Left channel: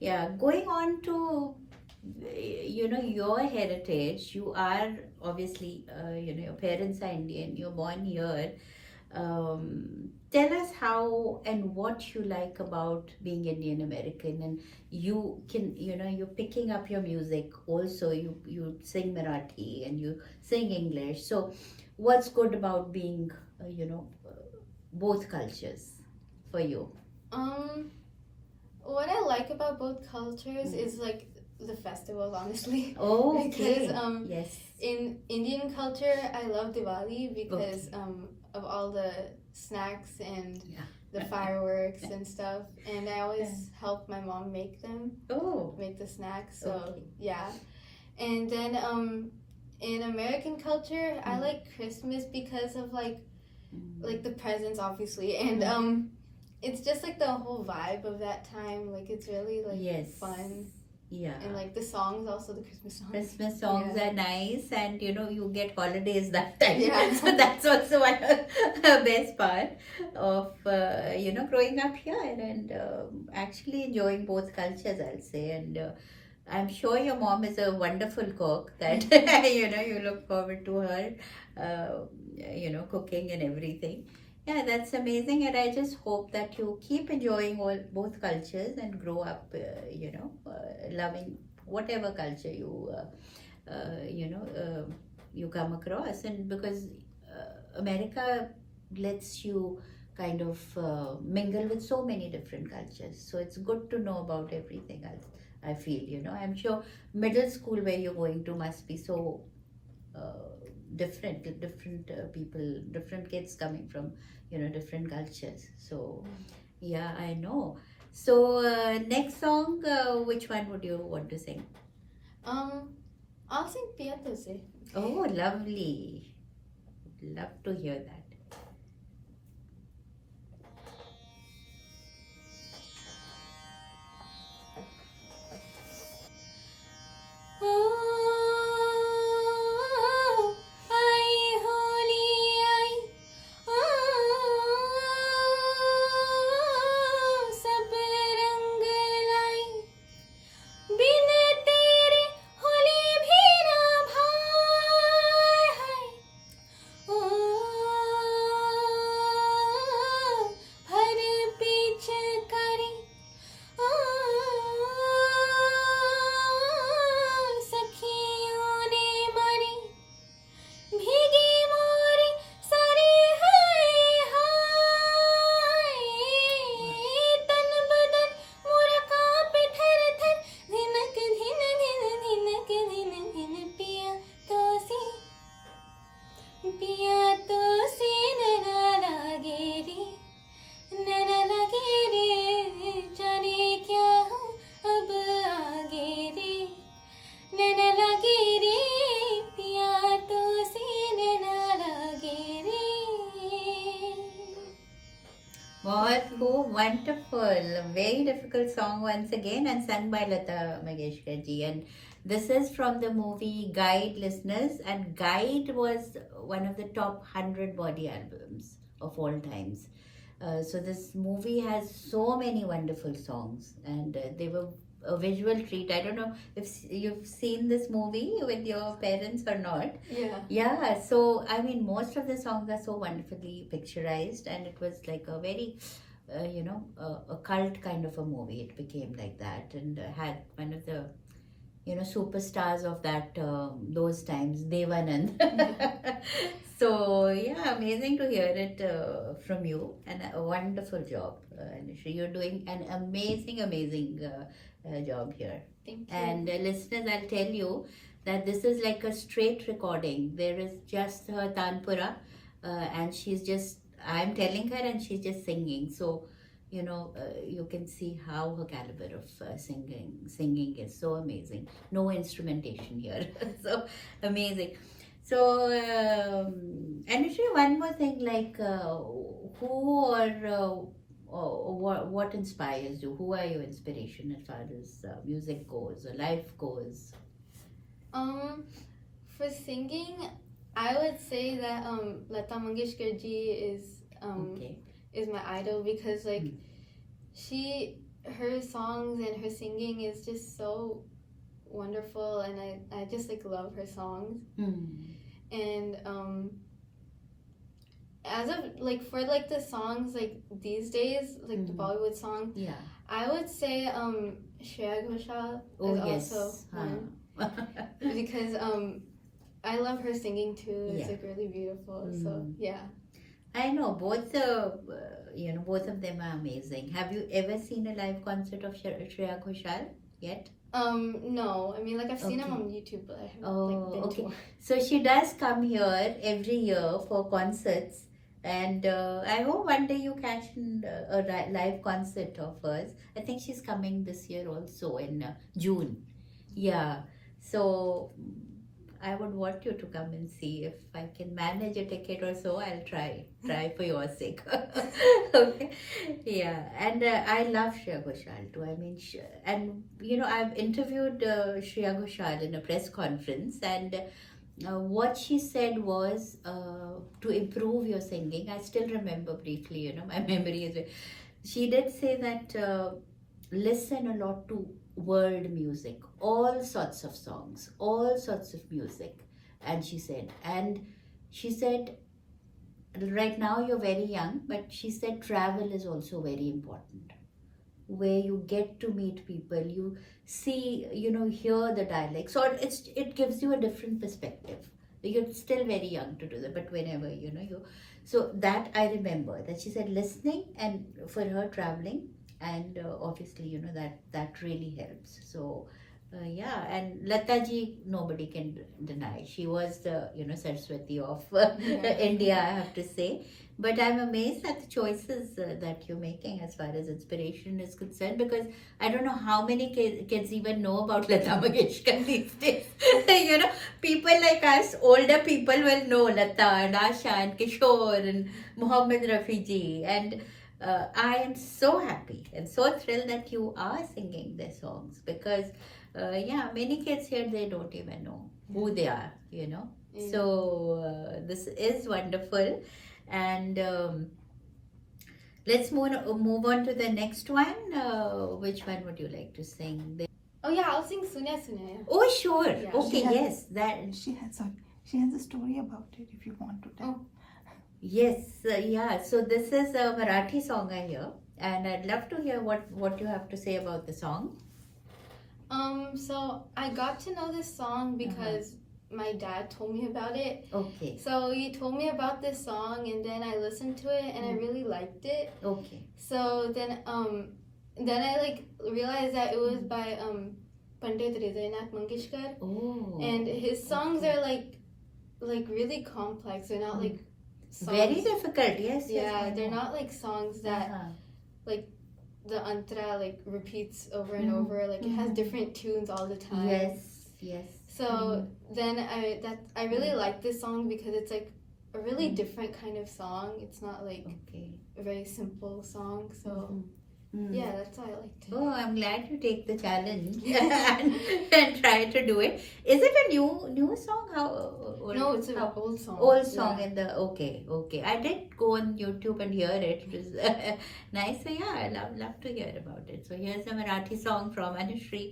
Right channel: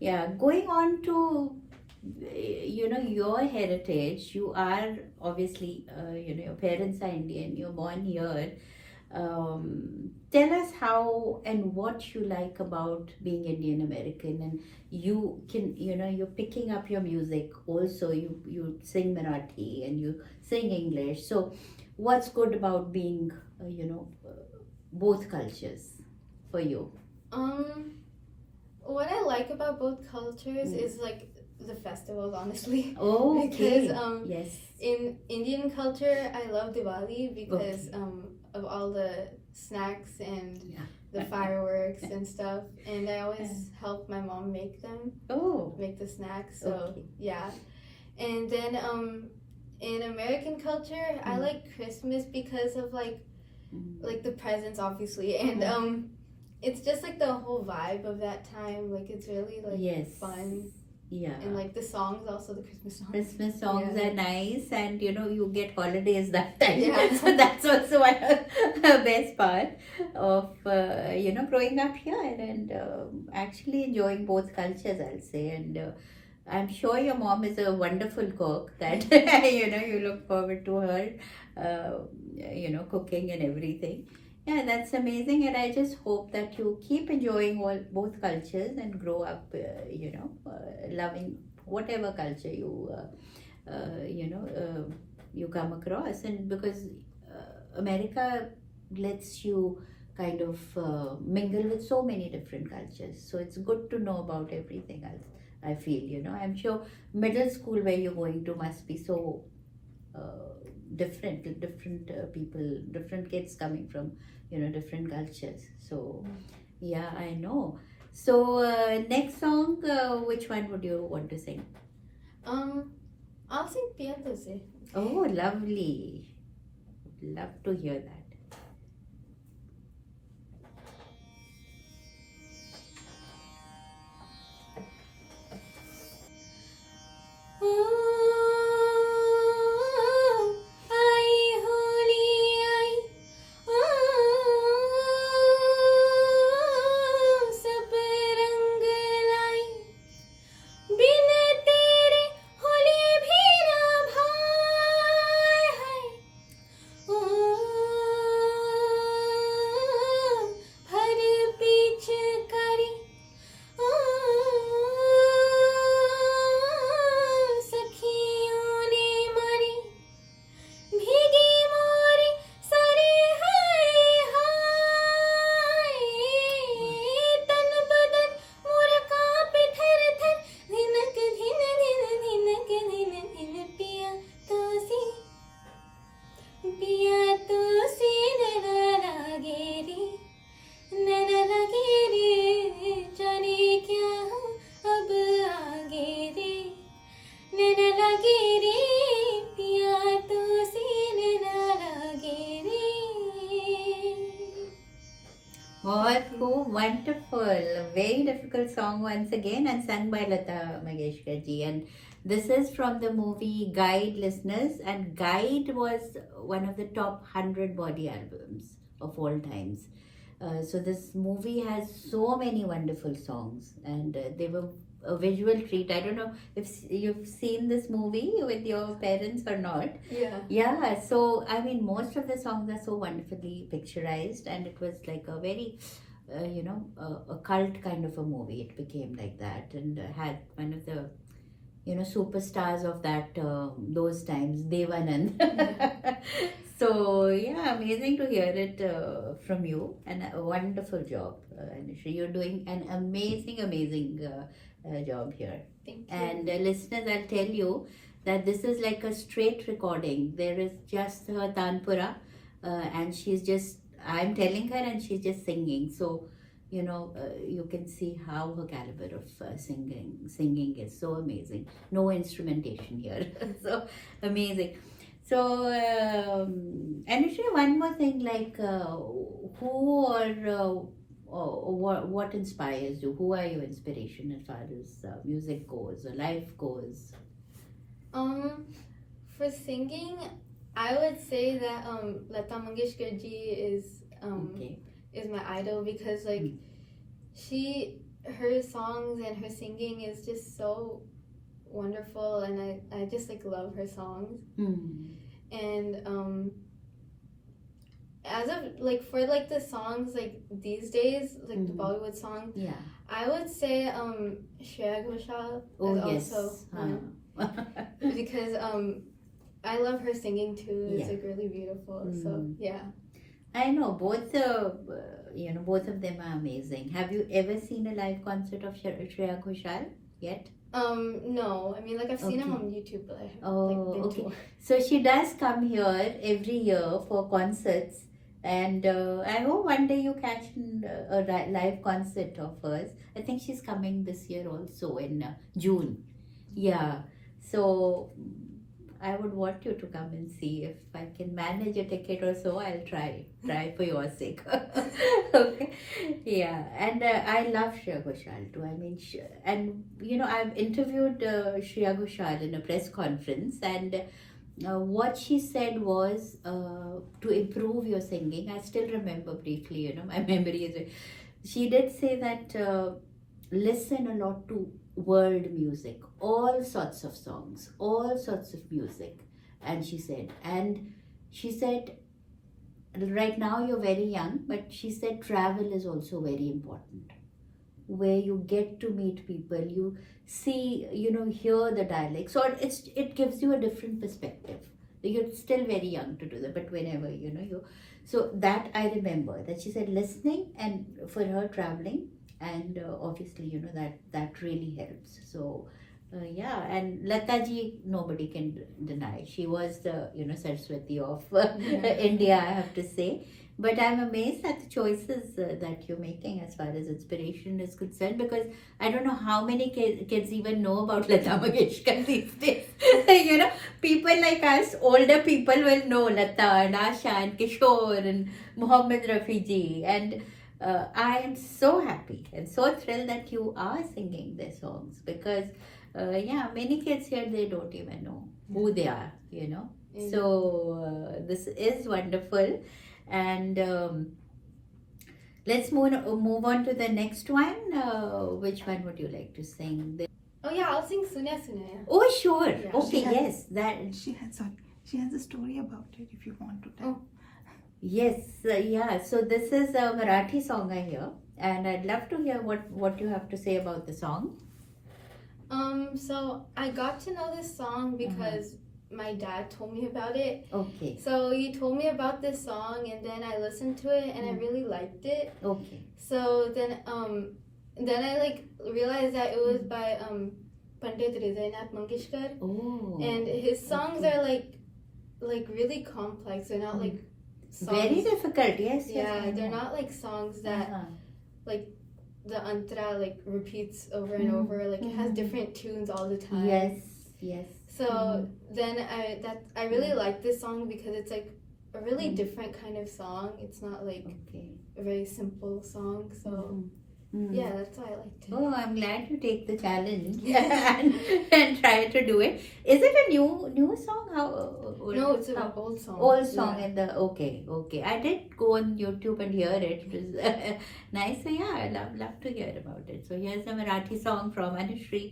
Yeah, going on to your heritage. You are obviously your parents are Indian. You're born here. Tell us how and what you like about being Indian American, and you can you're picking up your music also. You sing Marathi and you sing English. So, what's good about being both cultures for you? Um, what I like about both cultures Mm. is like the festivals, honestly. Because Okay. Yes. in Indian culture, I love Diwali because Okay. of all the snacks and Yeah. the fireworks and stuff. And I Yeah. always help my mom make them, Oh. make the snacks. So Okay. yeah. And then in American culture, I Mm. like Christmas because of Mm. the presents, obviously, and Mm. it's just like the whole vibe of that time. Like it's really like Yes. fun, Yeah. and like the songs, also the Christmas songs. Christmas songs Yeah. are nice, and you get holidays that time. Yeah. So that's also one of the best part of growing up here and actually enjoying both cultures, I'll say. And I'm sure your mom is a wonderful cook. That you look forward to her, uh, cooking and everything. Yeah, that's amazing, and I just hope that you keep enjoying all both cultures and grow up, loving whatever culture you come across. And because America lets you kind of mingle with so many different cultures, so it's good to know about everything else. I feel, I'm sure middle school where you're going to must be so different people, different kids coming from different cultures. So yeah, I know. So next song, which one would you want to sing? Um, I'll sing Piantose. Oh, lovely. Love to hear that. Oh, आई होली आई सब रंग लाई बिन तेरे होली भी ना भाए हाय ओ भर पीछ करी सखियों ने मारी भीगी मोरी सारी हाय हाय तन बदन मोर कांपे थर थर धिनक धिन धिन धिनक धिन धिन पिया तो सी नैना लागे रे नैना लगे रे जाने क्या हूँ अब आगे रे नैना लगे रे पिया तो सी नैना लगे रे What cool, wonderful. A very difficult song once again and sung by Lata Mangeshkar ji. And this is from the movie Guide, listeners. And Guide was one of the top 100 body albums of all times. So this movie has so many wonderful songs, and they were a visual treat. I don't know if you've seen this movie with your parents or not. Yeah. Yeah, so I mean, most of the songs are so wonderfully picturized, and it was like a very, a cult kind of a movie. It became like that, and had one of the, superstars of that those times, Devanand. So yeah, amazing to hear it from you, and a wonderful job, Anusha. You're doing an amazing job here. Thank you. And listeners, I'll tell you that this is like a straight recording. There is just her tanpura, and she's just, I'm telling her, and she's just singing. So, you can see how her caliber of singing is so amazing. No instrumentation here, so amazing. So, Anushree, one more thing, like who or what inspires you? Who are your inspiration as far as music goes or life goes? Um, for singing, I would say that Lata Mangeshkar ji is Okay. is my idol because like Mm. she her songs and her singing is just so wonderful, and I just like love her songs. And as of like for like the songs like these days, like the Bollywood songs, Yeah. I would say Shreya Ghoshal Oh is yes. also one because I love her singing too. It's Yeah. like really beautiful. So yeah. I know both both of them are amazing. Have you ever seen a live concert of Shreya Ghoshal yet? No. I mean, like I've seen him Okay. on YouTube, but I haven't Oh, like been okay. to. So she does come here every year for concerts, and I hope one day you catch a live concert of hers. I think she's coming this year also in June. Yeah. So I would want you to come and see if I can manage a ticket or so. I'll try for your sake. Okay. Yeah, and I love Shreya Ghoshal too. I mean, and I've interviewed Shreya Ghoshal in a press conference, and what she said was to improve your singing. I still remember briefly. My memory is. She did say that listen a lot to world music, all sorts of songs, all sorts of music, and she said right now you're very young, but she said travel is also very important, where you get to meet people, you see, hear the dialect, so it gives you a different perspective. You're still very young to do that, but whenever you so that I remember that she said listening and for her traveling, and obviously that really helps. So yeah, and Lata ji, nobody can deny. She was the Saraswati of India, I have to say. But I'm amazed at the choices that you're making as far as inspiration is concerned, because I don't know how many kids even know about Lata Mangeshkar these days. People like us, older people will know Lata and Asha and Kishore and Muhammad Rafi ji. And I am so happy and so thrilled that you are singing their songs, because many kids here, they don't even know who they are. So this is wonderful, and let's move on to the next one. Which one would you like to sing? Oh yeah, I'll sing Sunya Sunya. Oh sure. Yeah. Okay, She has- yes, that. She has a story about it if you want to tell. Oh. Yes, yeah. So this is a Marathi song I hear, and I'd love to hear what you have to say about the song. So I got to know this song because my dad told me about it. Okay, So he told me about this song, and then I listened to it, and I really liked it. okay. So then I like realized that it was by Pandit Hridaynath Mangeshkar, Oh, and his songs okay. are like really complex. They're not like songs. Very difficult. Yes, yes. Yeah, I they're know. not like songs that Uh-huh. the antra like repeats over and over. Like it has different tunes all the time. Yes, yes. So then I really like this song because it's like a really different kind of song. It's not like Okay. a very simple song. So Mm. yeah, that's why I liked it. Oh, I'm glad you take the challenge and try to do it. Is it a new song? How old? No, it's an how, old song. old song Yeah. in the okay. I did go on YouTube and hear it. It was nice. So yeah, I love to hear about it. So here's a Marathi song from Anushri.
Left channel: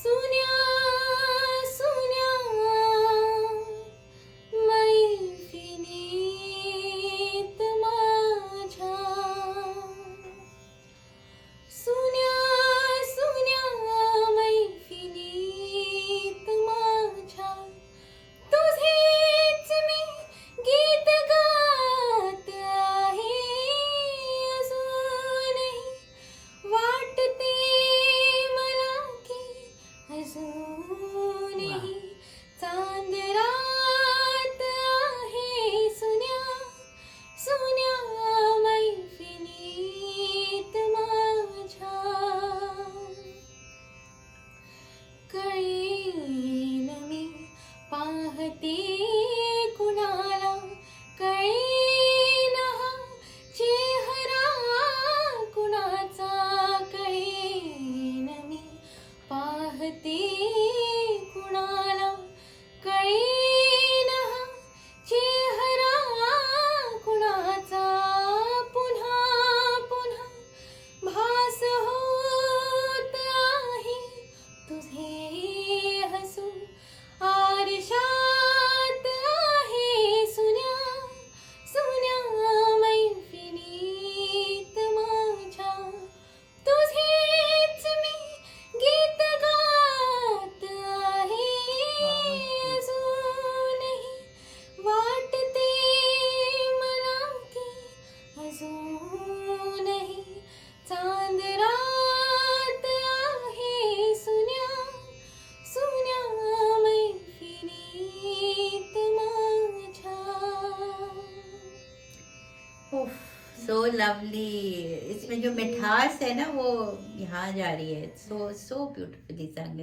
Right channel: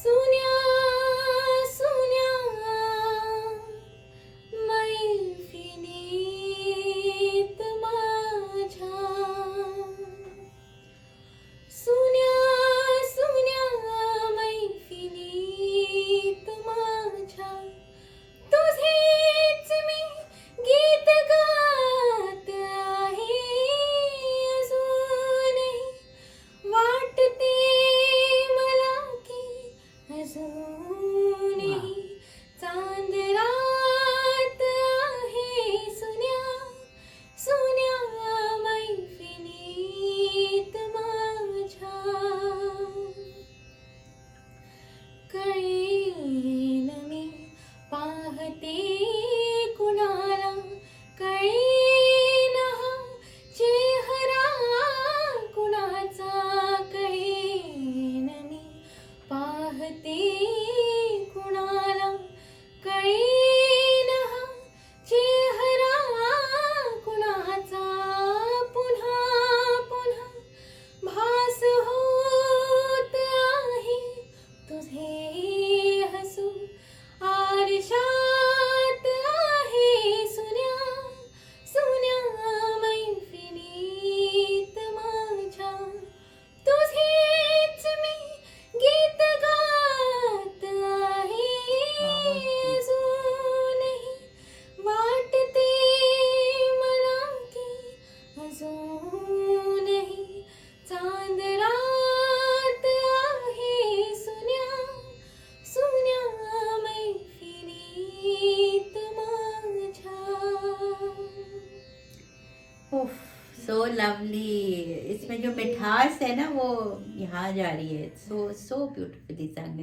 Sunya, Sunya, मैफिलीत माझ्या. सुन्या सुन्या मैफिलीत माझ्या, तुझेच मी गीत गात आहे अजूनही. वाटते मला की अजूनही चांद रात आहे सुन्या, सुन्या मैफिलीत माझ्या. कळेल मी पाहते कुणाला कळेना चेहरा कुणाचा पुन्हा पुन्हा भास होत आहे तुझे हसू आरशात आहे सुन्या सुन्या मैफिलीत माझ्या तुझेच मी गीत गात आहे अजूनही वाटते मला की अजूनही चांद रात आहे सुन्या सुन्या मैफिलीत माझ्या. ओह, so lovely. इसमें जो मिठास है ना वो यहाँ जा रही है. So beautifully sung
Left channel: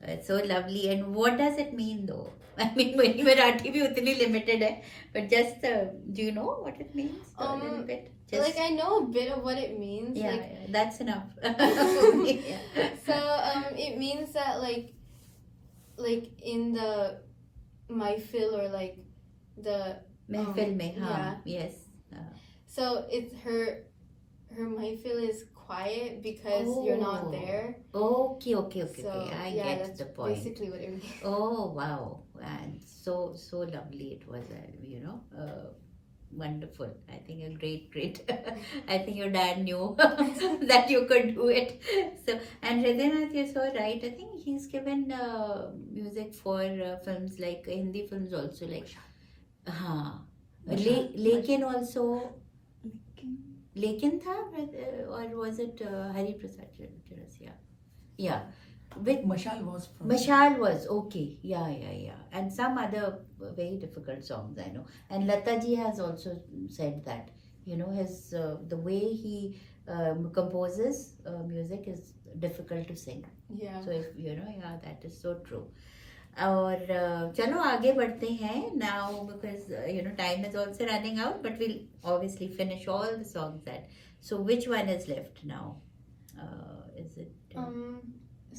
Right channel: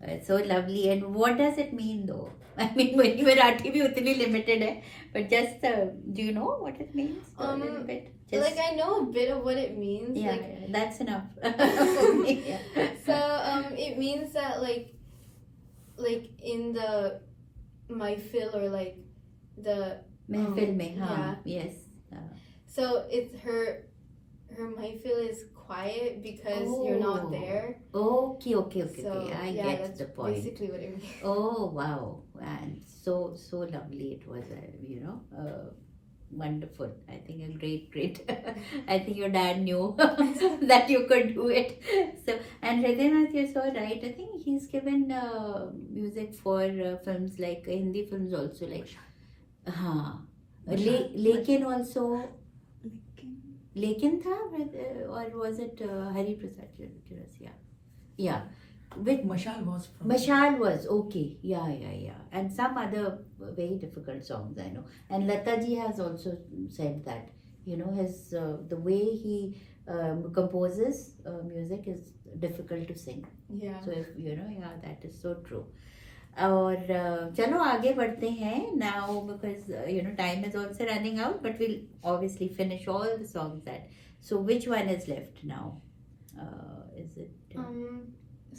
and so lovely. And what does it mean though? I mean, मेरी मराठी भी उतनी limited है, but just do you know what it means? A little bit. Just, Like I know a bit of what it means. yeah, Like, yeah, that's enough. Yeah. so it means that like in the mahfil or like the महफिल में, हाँ, yeah. yes. So it's her mahfil is quiet because you're not Oh. there. Okay. So I yeah, get that's the point. basically what it means. Oh wow, and so lovely it was. Wonderful. I think a great. I think your dad knew that you could do it. So, and Hridaynath, you're so right. I think he's given music for films like Hindi films also, like लेकिन also लेकिन था or was it Hari Prasad Chaurasia? Yeah. With Mashal was from Mashal was okay, yeah, and some other very difficult songs I know. And Lata ji has also said that, his the way he composes music is difficult to sing. Yeah. So if, that is so true. और चलो आगे बढ़ते हैं now because time is also running out, but we'll obviously finish all the songs that. So which one is left now? Is it?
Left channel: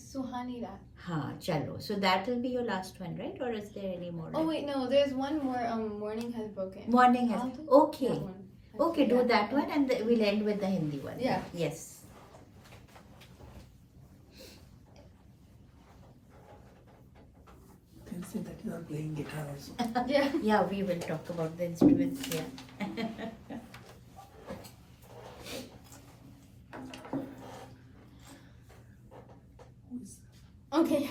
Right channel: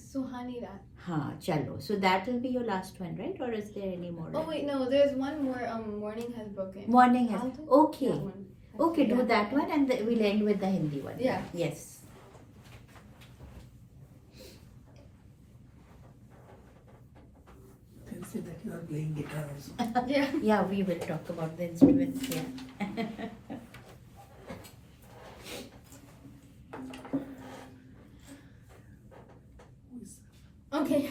Suhani Raat. हाँ चलो. So that will be your last one, right? Or is there any more? Oh wait, no, there's one more. Morning Has Broken. Morning has. I'll do Okay. that one. Okay, do Yeah. that one and we'll end with the Hindi one. Yeah. Yes. They'll say that you are playing guitar also. Yeah. Yeah, we will talk about the instruments. Yeah. Okay.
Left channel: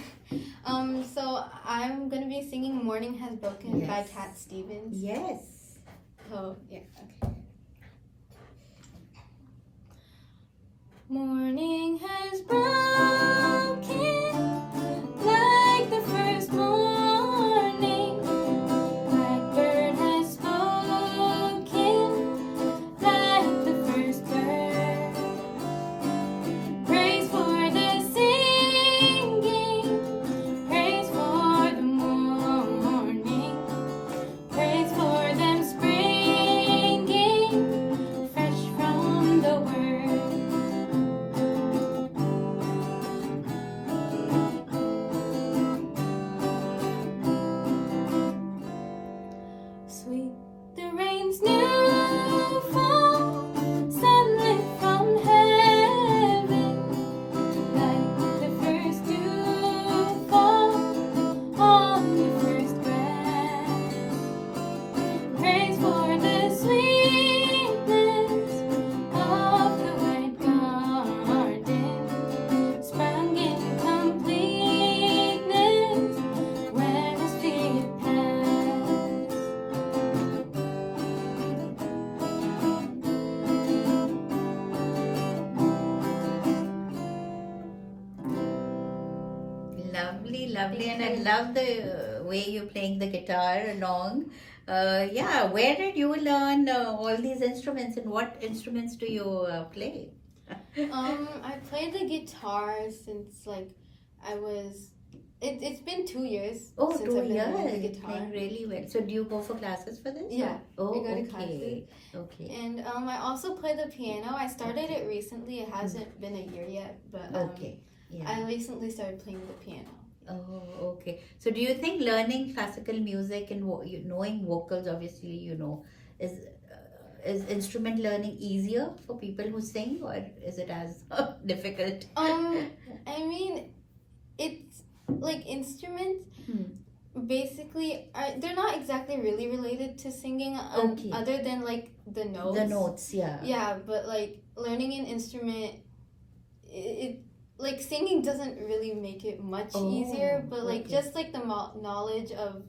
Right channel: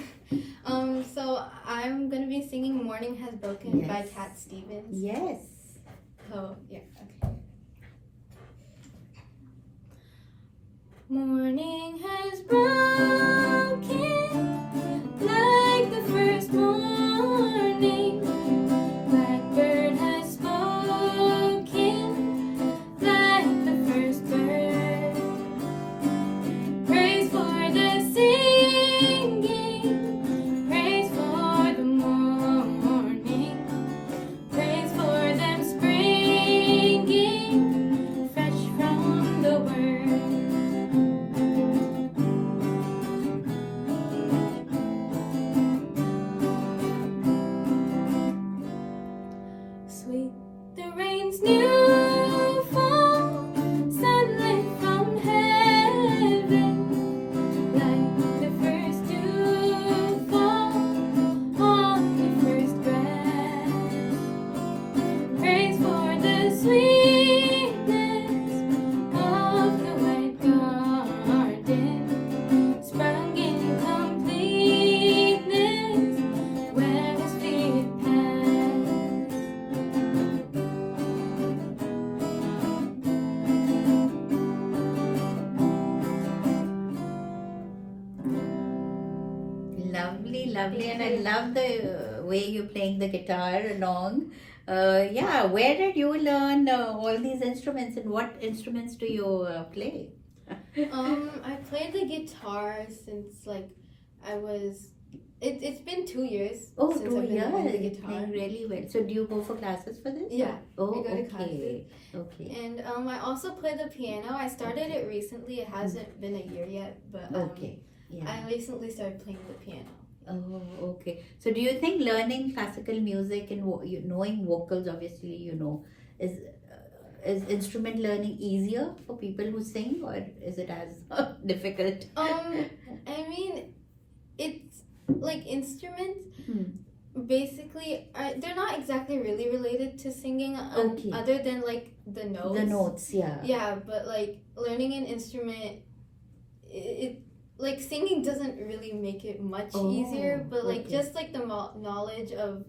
So I'm gonna be singing "Morning Has Broken" by Yes. Cat Stevens. Yes. So yeah. Okay. Morning has broken like the first morning. Blackbird has spoken like the first bird. Praise for the singing, praise for the morning, praise for them springing fresh from the word. Sweet the rain's new fall, sunlight from heaven, like the first dew fall on the first grass. Praise for the sweetness of the white garden, sprung in completeness where his feet passed. Lovely, and I love the way you're playing the guitar along. Yeah, where did you learn all these instruments, and what instruments do you play? I played the guitar since like I was. It's been 2 years. Oh, since 2 I've been learning the years, guitar. playing really well. So do you go for classes for this? Yeah, Oh, we go to okay. Okay. And I also play the piano. I started it recently. It hasn't been a year yet, but Okay. Yeah. I recently started playing the piano. Oh, okay. So, do you think learning classical music and knowing vocals, obviously, is instrument learning easier for people who sing, or is it as difficult? I mean, it's like instruments. Basically, they're not exactly really related to singing, Okay. other than like the notes. The notes, yeah. Yeah, but like learning an instrument, it like singing doesn't really make it much easier. But like okay. just like the knowledge of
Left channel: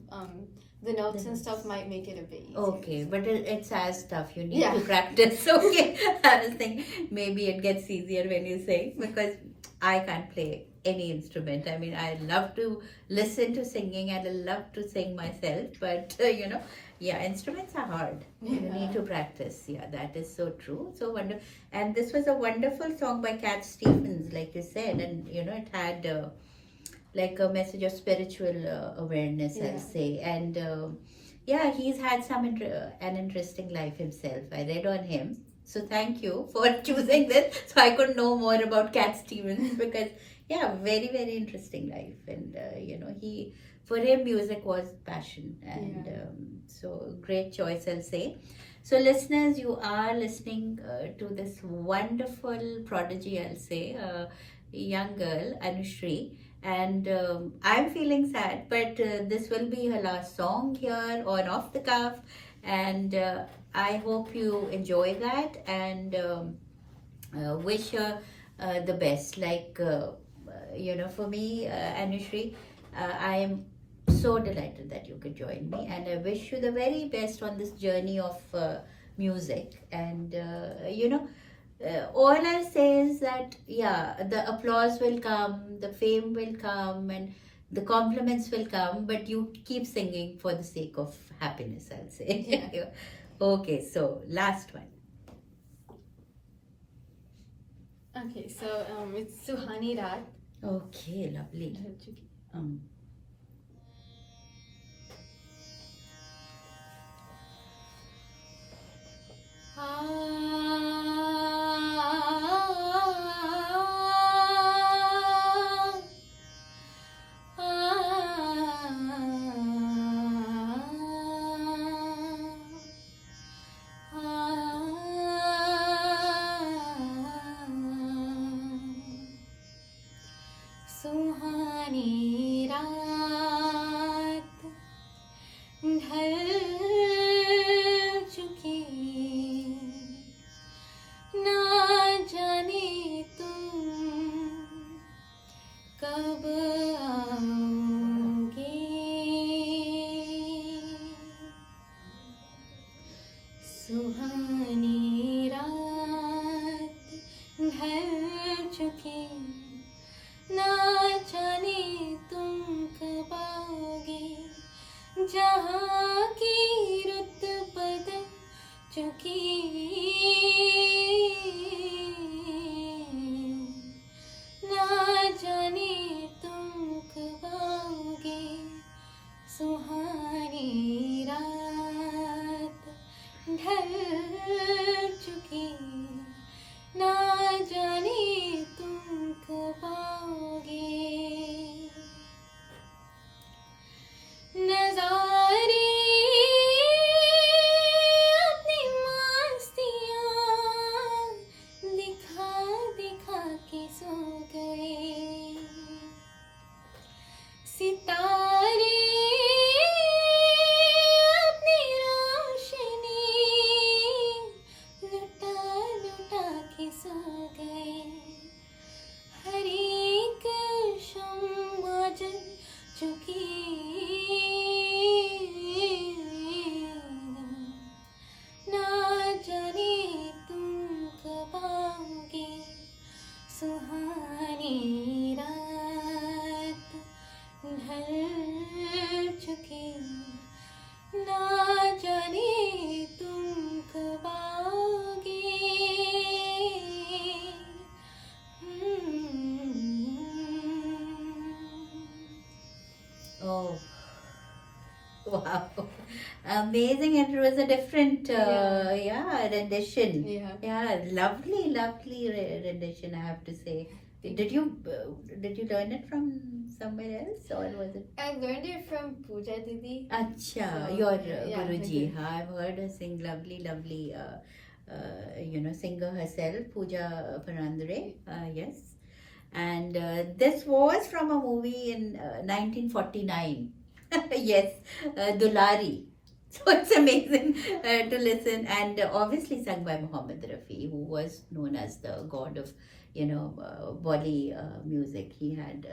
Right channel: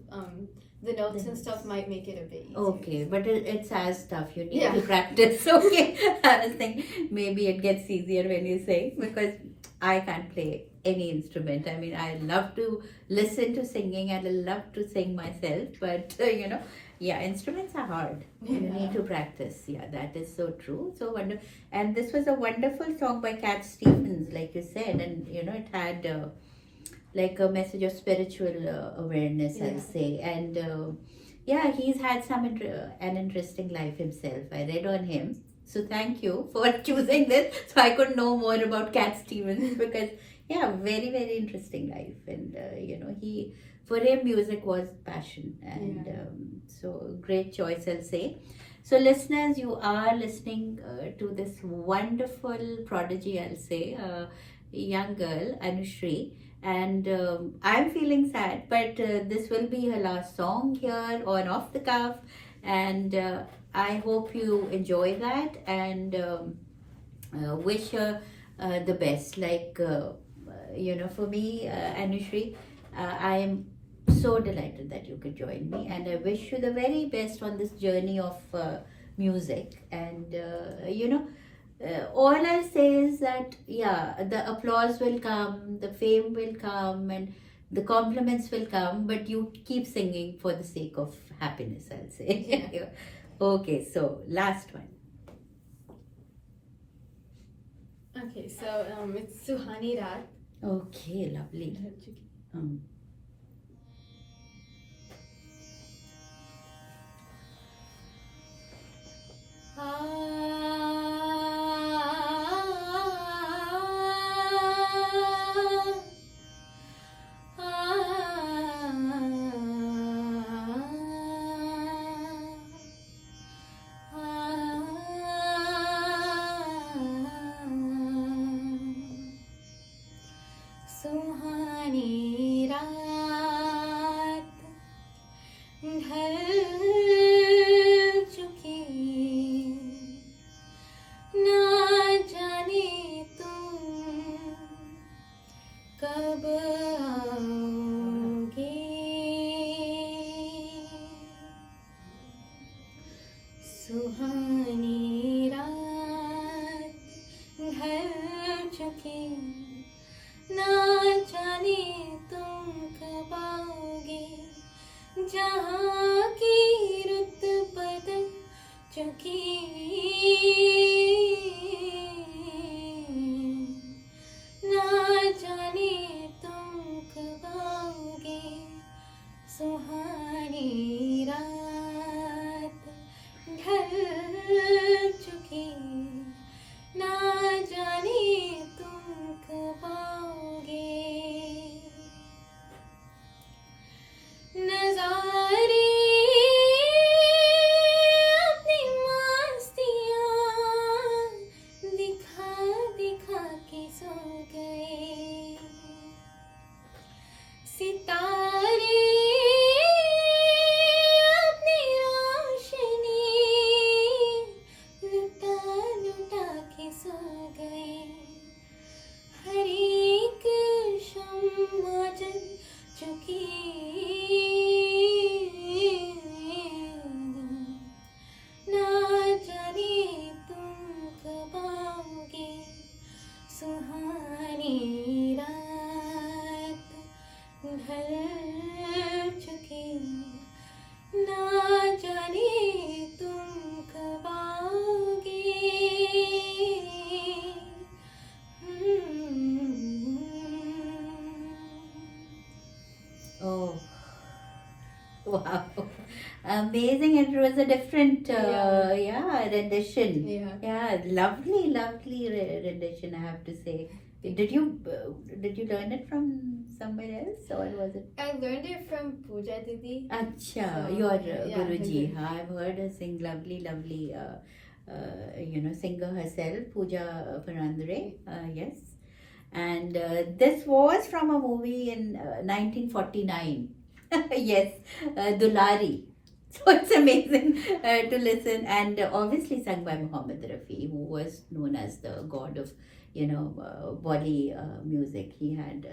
the notes The and stuff notes. might make it a bit easier. Okay, but it's as tough. You need Yeah. to practice. Okay, I was thinking maybe it gets easier when you sing because I can't play any instrument. I mean, I love to listen to singing and I love to sing myself, but yeah, instruments are hard. You need to practice. Yeah, that is so true. So wonderful. And this was a wonderful song by Cat Stevens, like you said, and it had like a message of spiritual awareness, I'll Yeah. say. And yeah, he's had an interesting life himself. I read on him. So thank you for choosing this, so I could know more about Cat Stevens because yeah, very very interesting life, and he for him music was passion, and so great choice, I'll say. So listeners, you are listening to this wonderful prodigy, I'll say, young girl Anushri, and I'm feeling sad, but this will be her last song here on Off the Cuff, and I hope you enjoy that and wish her the best. Like, for me, Anushri, I am so delighted that you could join me, and I wish you the very best on this journey of music. And, all I'll say is that, yeah, the applause will come, the fame will come, and the compliments will come, but you keep singing for the sake of happiness, I'll say. Yeah. Okay, so last one. Okay, so it's Suhani Raat. Okay, lovely. Um, सुहानी रात ढल चुकी ना जाने तुम कब आओगे सुहानी रात ढल चुकी ना जाने तुम कब आओगे जहाँ की रुत बदल चुकी ना जाने तुम कब आओगे सुहानी रात ढल चुकी ना जाने तुम कब आओगे नजारे अपनी मस्तियाँ दिखा दिखा के सो गए सितारे अपनी रोशनी लुटा लुटा के सो गए हर एक शम्मा जल चुकी ना जाने तुम कब आओगे सुहानी रात ढल चुकी ना जाने तुम कब आओगे Oh, wow. Amazing. It was a different, rendition. Yeah. Yeah, lovely, lovely rendition, I have to say. Did you learn it from somewhere else, or was it? I learned it from Pooja Didi. Acha, So, your yeah, Guruji. her I've heard her sing lovely, lovely, singer herself, Pooja Panandre. Yes. And this was from a movie in 1949. Yes, Dulari. So it's amazing to listen, and obviously sung by Muhammad Rafi, who was known as the god of, Bolly music. He had,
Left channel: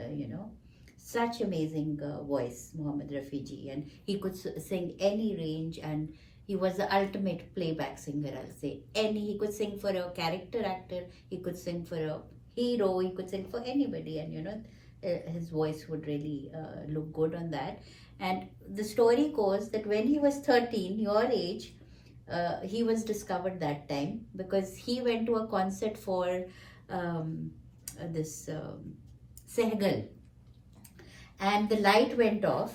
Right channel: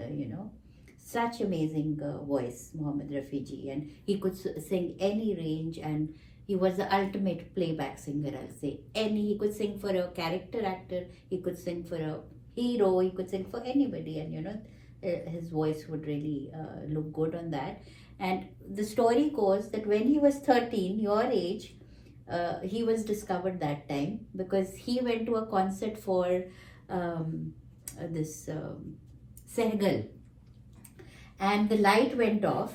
such amazing voice, Muhammad Rafi ji, and he could sing any range, and he was the ultimate playback singer, I'll say. He could sing for a character actor, he could sing for a hero, he could sing for anybody, and his voice would really look good on that. And the story goes that when he was 13, your age, he was discovered that time because he went to a concert for this Sehgal, and the light went off,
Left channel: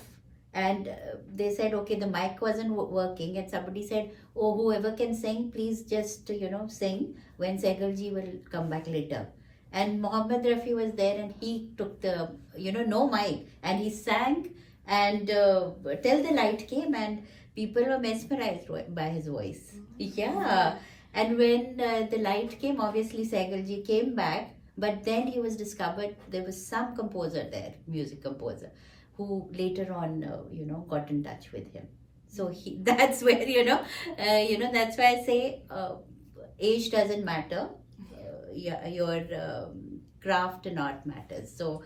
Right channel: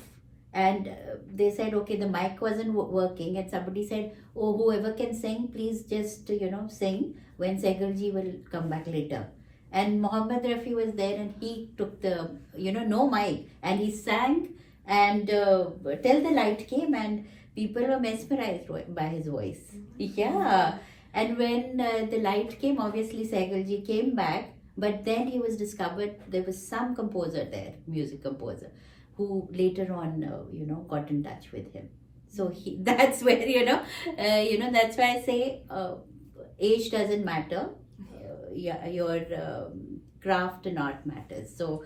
and they said, okay, the mic wasn't working, and somebody said, oh, whoever can sing, please just sing when Sehgal ji will come back later. And Muhammad Rafi was there, and he took the no mic, and he sang, and till the light came, and people were mesmerized by his voice. Yeah. And when the light came, obviously Sehgal ji came back, but then he was discovered, there was some composer there, music composer, who later on got in touch with him. So that's where that's why I say age doesn't matter. Your craft and art matters. So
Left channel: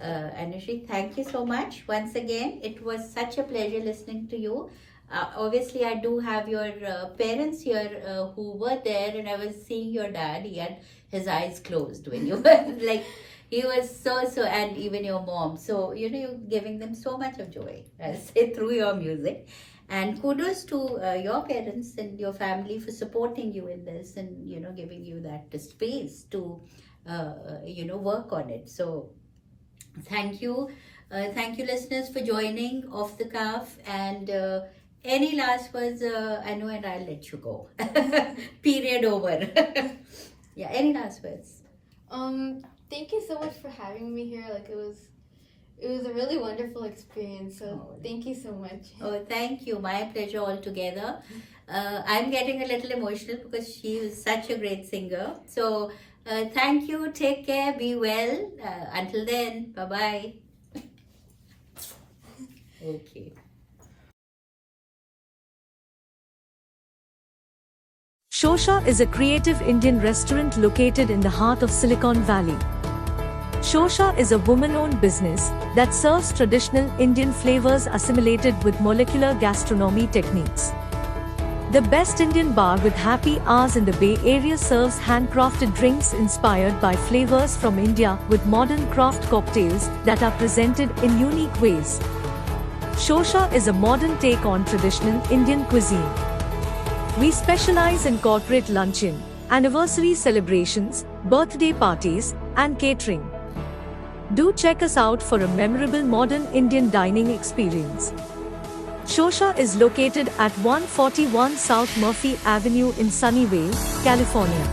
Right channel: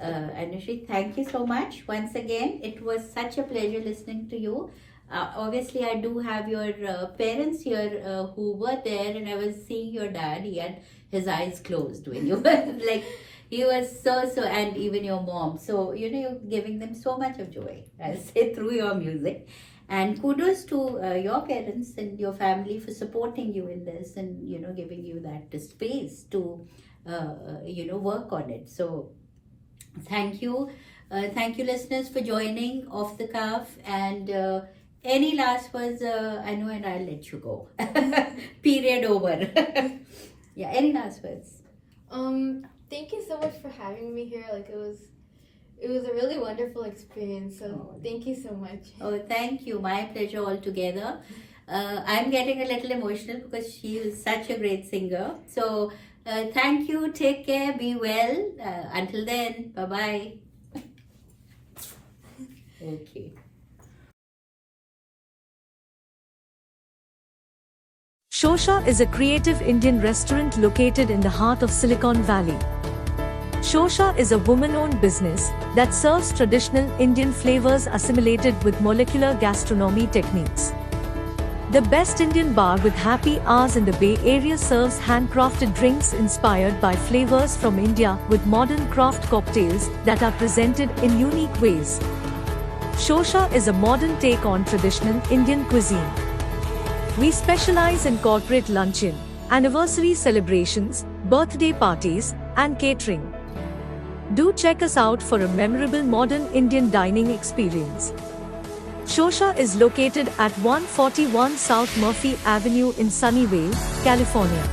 Anushree, thank you so much once again. It was such a pleasure listening to you. Obviously, I do have your parents here who were there, and I was seeing your dad. He had his eyes closed when you were like, he was so, and even your mom. So, you're giving them so much of joy, I'll say, through your music. And kudos to your parents and your family for supporting you in this, and, giving you that space to, work on it. So, thank you. Thank you, listeners, for joining Off the Cuff. And any last words, Anu, and I'll let you go. Period over. Yeah, any last words? Thank you so much for having me here. Like, it was a really wonderful experience. So thank you so much. Oh, thank you. My pleasure altogether. I'm getting a little emotional because she is such a great singer. So thank you. Take care. Be well. Until then, bye-bye. Okay. Shosha is a creative Indian restaurant located in the heart of Silicon Valley. Shosha is a woman-owned business that serves traditional Indian flavors assimilated with molecular gastronomy techniques. The best Indian bar with happy hours in the Bay Area serves handcrafted drinks inspired by flavors from India with modern craft cocktails that are presented in unique ways. Shosha is a modern take on traditional Indian cuisine. We specialize in corporate luncheon, anniversary celebrations, birthday parties, and catering. Do check us out for a memorable modern Indian dining experience. Shosha is located at 141 South Murphy Avenue in Sunnyvale, California.